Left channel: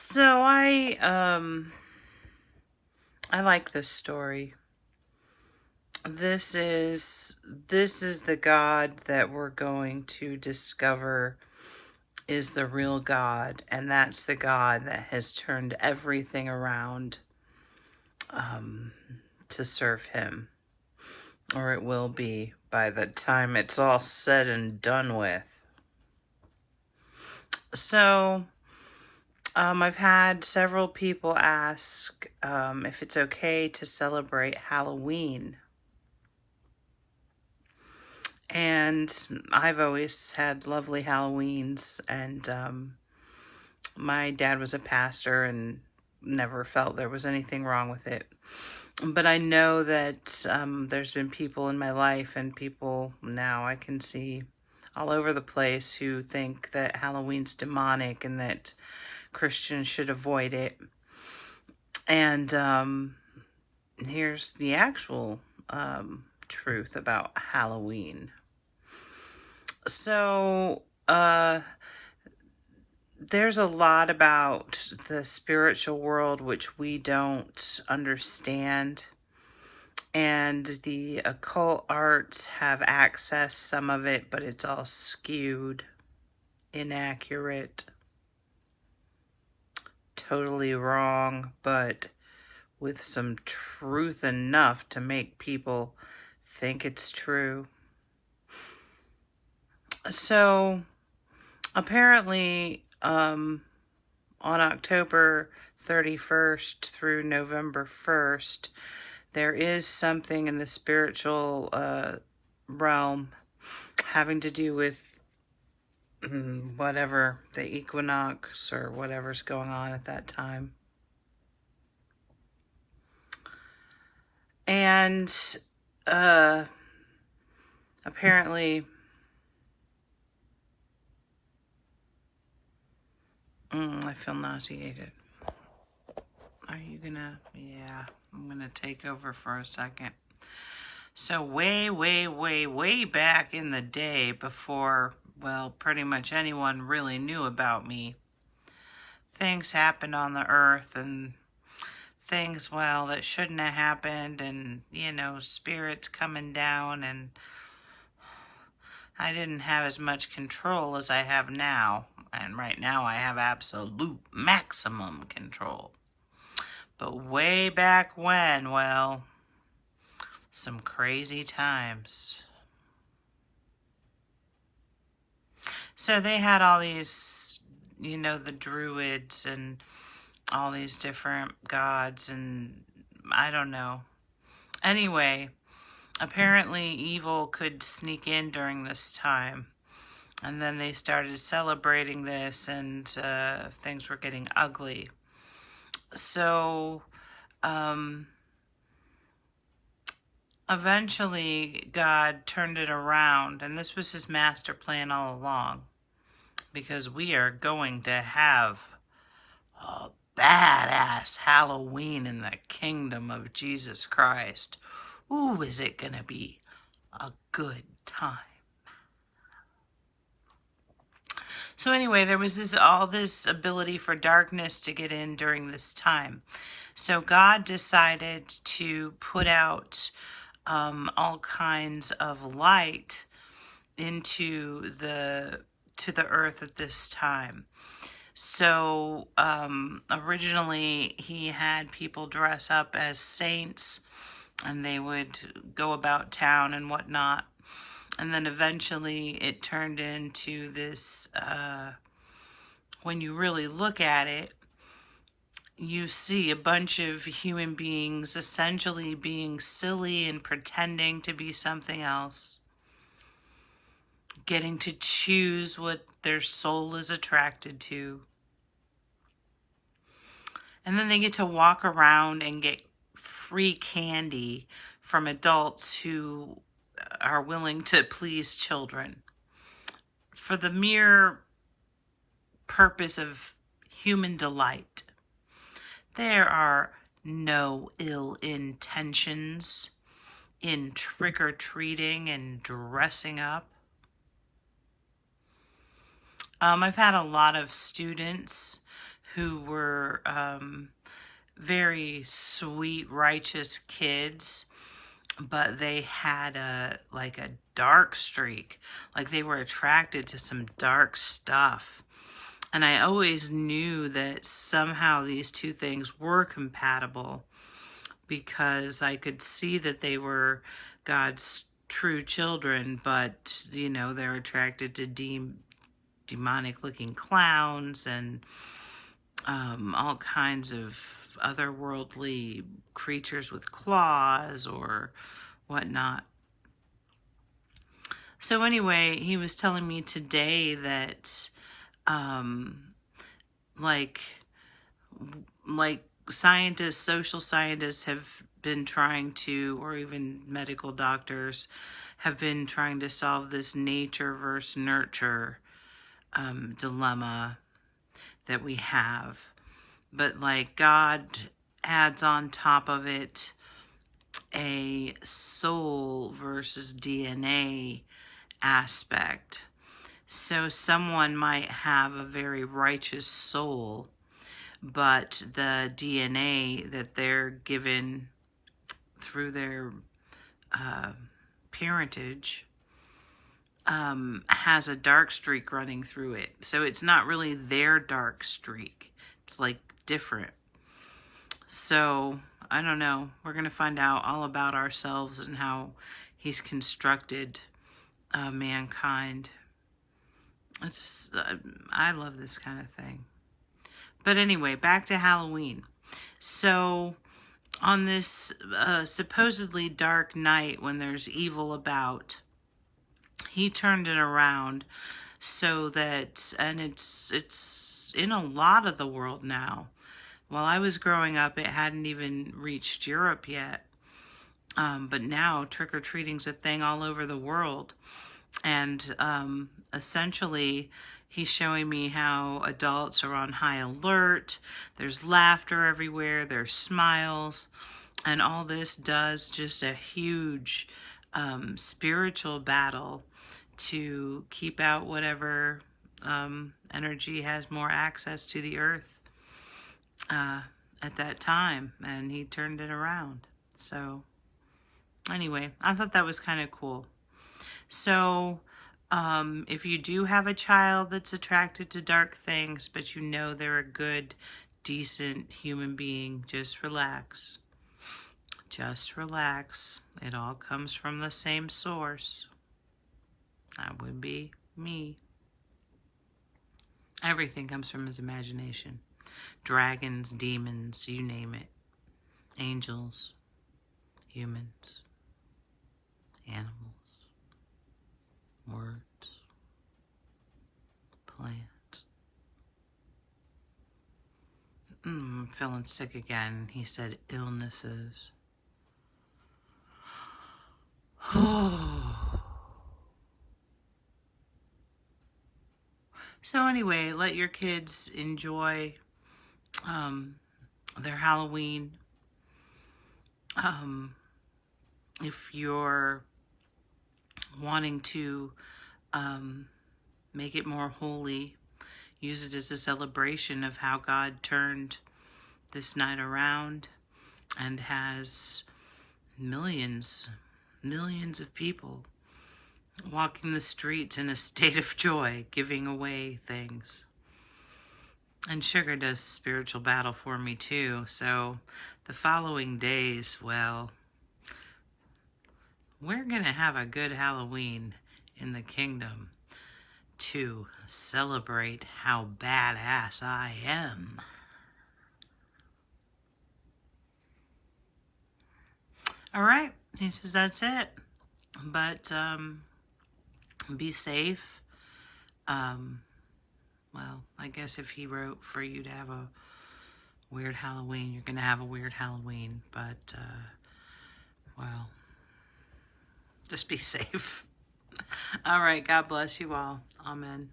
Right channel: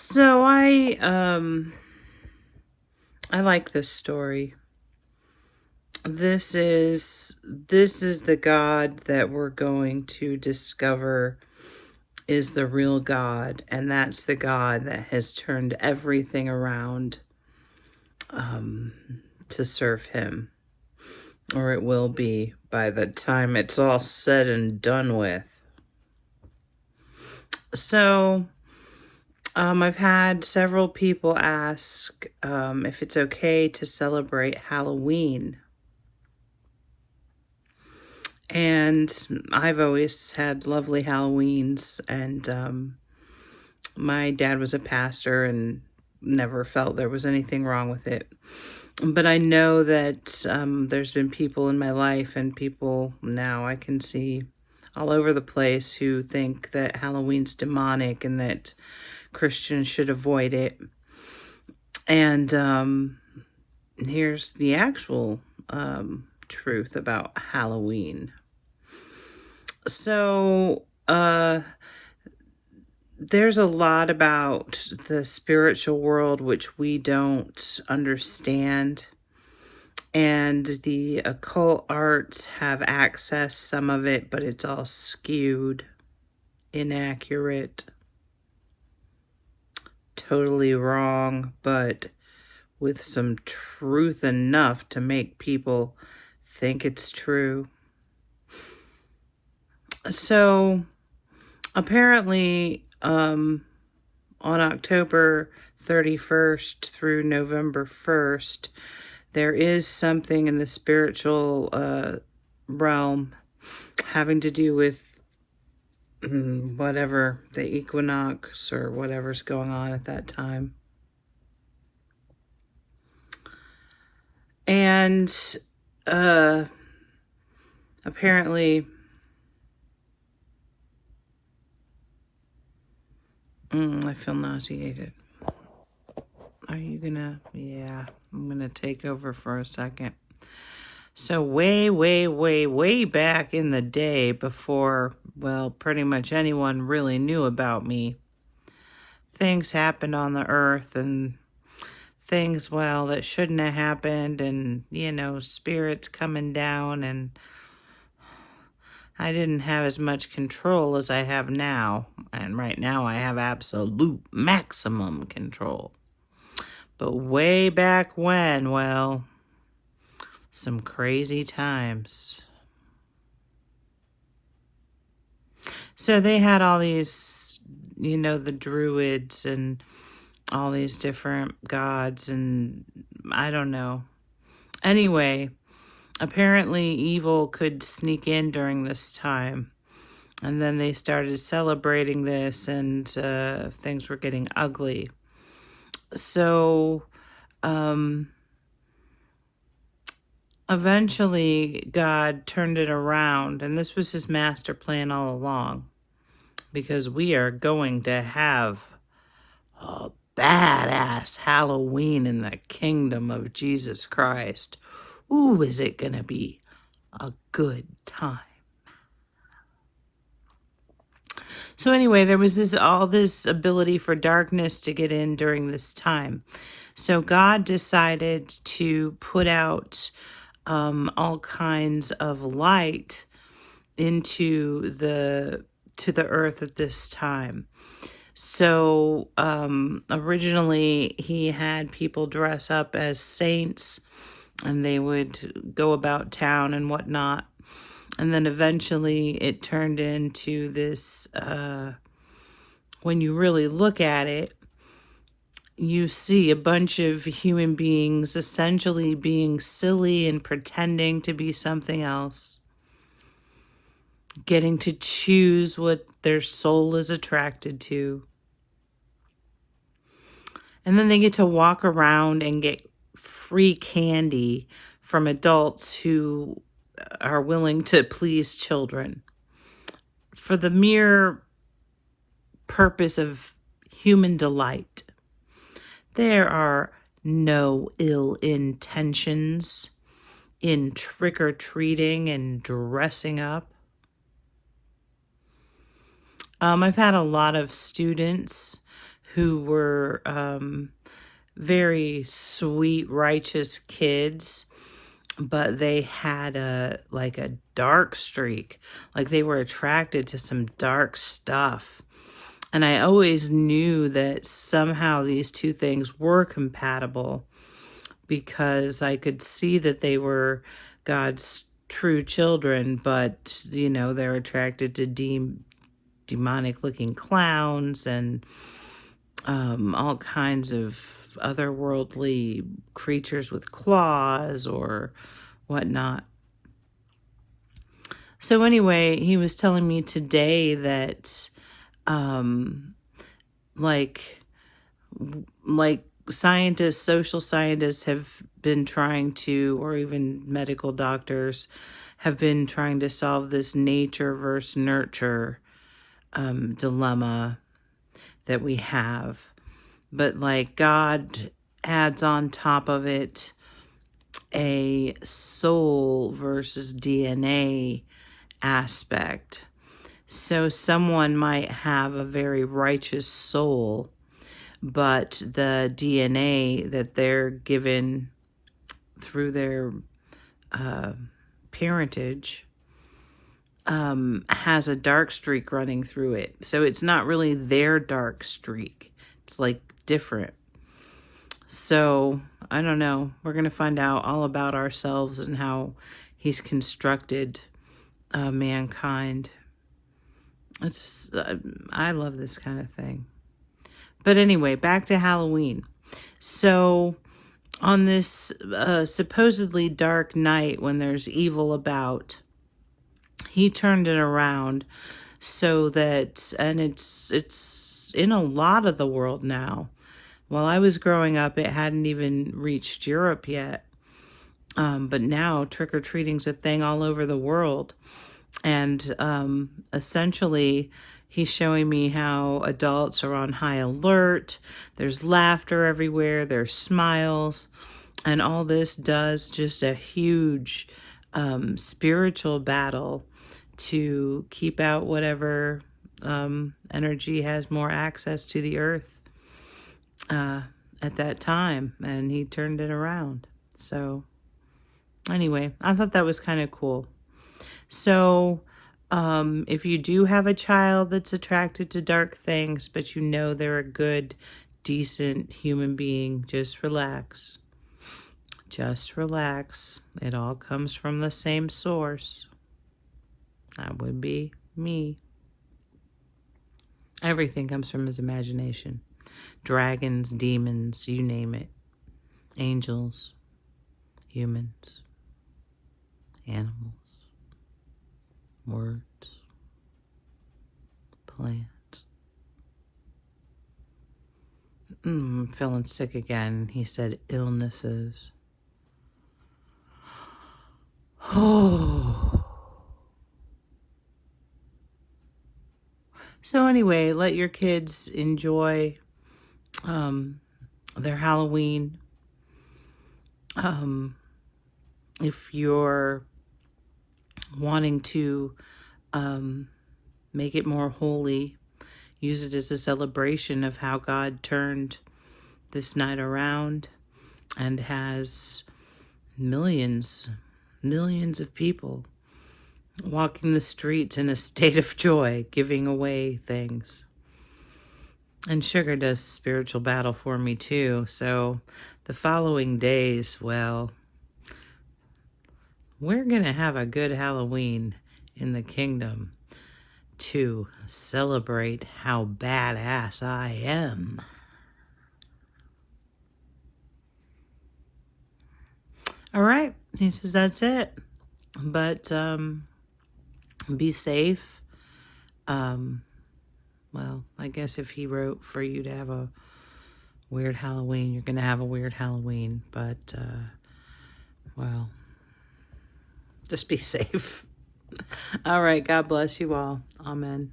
So I like this story. This is the God that we're going to discover is the real God, and that's the God that has turned everything around um to serve him, or it will be by the time it's all said and done with. So I've had several people ask if it's okay to celebrate Halloween. And I've always had lovely Halloweens, and my dad was a pastor and never felt there was anything wrong with it. But I know that there's been people in my life, and people now I can see all over the place, who think that Halloween's demonic and that Christians should avoid it. And here's the actual truth about Halloween. So, there's a lot about the spiritual world which we don't understand, and the occult arts have accessed some of it, but it's all skewed, inaccurate, totally wrong, but with some truth enough to make people think it's true. So, apparently, on October 31st through November 1st, there is something in the spiritual realm having to do with whatever the equinox or whatever's going on at that time. And apparently, I feel nauseated. Are you gonna? Yeah, I'm gonna take over for a second. So way back in the day, before, well, pretty much anyone really knew about me, things happened on the earth, and things, well, that shouldn't have happened, and, spirits coming down, and I didn't have as much control as I have now. And right now I have absolute maximum control. But way back when, well, some crazy times. So they had all these, the druids and all these different gods, and I don't know. Anyway, apparently evil could sneak in during this time. And then they started celebrating this, and things were getting ugly. So, eventually, God turned it around, and this was his master plan all along, because we are going to have a badass Halloween in the kingdom of Jesus Christ. Ooh, is it going to be a good time? So anyway, there was all this ability for darkness to get in during this time. So God decided to put out all kinds of light into the earth at this time. So originally he had people dress up as saints, and they would go about town and whatnot. And then eventually it turned into this, when you really look at it, you see a bunch of human beings essentially being silly and pretending to be something else, getting to choose what their soul is attracted to. And then they get to walk around and get free candy from adults who are willing to please children for the mere purpose of human delight. There are no ill intentions in trick-or-treating and dressing up. I've had a lot of students who were very sweet, righteous kids, but they had a dark streak. Like they were attracted to some dark stuff. And I always knew that somehow these two things were compatible, because I could see that they were God's true children, but they're attracted to demonic looking clowns and all kinds of otherworldly creatures with claws or whatnot. So anyway, he was telling me today that like scientists, social scientists have been trying to, or even medical doctors have been trying to solve this nature versus nurture dilemma that we have. But like God adds on top of it a soul versus DNA aspect. So someone might have a very righteous soul, but the DNA that they're given through their parentage has a dark streak running through it. So it's not really their dark streak. It's like different. So I don't know. We're going to find out all about ourselves and how he's constructed mankind. I love this kind of thing. But anyway, back to Halloween. So on this supposedly dark night when there's evil about, he turned it around so that, and it's in a lot of the world now. While I was growing up, it hadn't even reached Europe yet. But now trick-or-treating's a thing all over the world. And essentially, he's showing me how adults are on high alert. There's laughter everywhere. There's smiles. And all this does just a huge spiritual battle to keep out whatever energy has more access to the earth at that time. And he turned it around. So anyway, I thought that was kind of cool. So if you do have a child that's attracted to dark things, but they're a good, decent human being, just relax. Just relax. It all comes from the same source. That would be me. Everything comes from his imagination. Dragons, demons, you name it. Angels, humans, animals, words, plants. I'm feeling sick again. He said illnesses. Oh. So anyway, let your kids enjoy their Halloween. If you're wanting to make it more holy, use it as a celebration of how God turned this night around and has millions of people walking the streets in a state of joy, giving away things. And sugar does spiritual battle for me too. So the following days, well, we're going to have a good Halloween in the kingdom to celebrate how badass I am. All right. He says that's it. But be safe. Well, I guess if he wrote for you to have a weird Halloween, you're going to have a weird Halloween. But, well, just be safe. All right. God bless you all. Amen.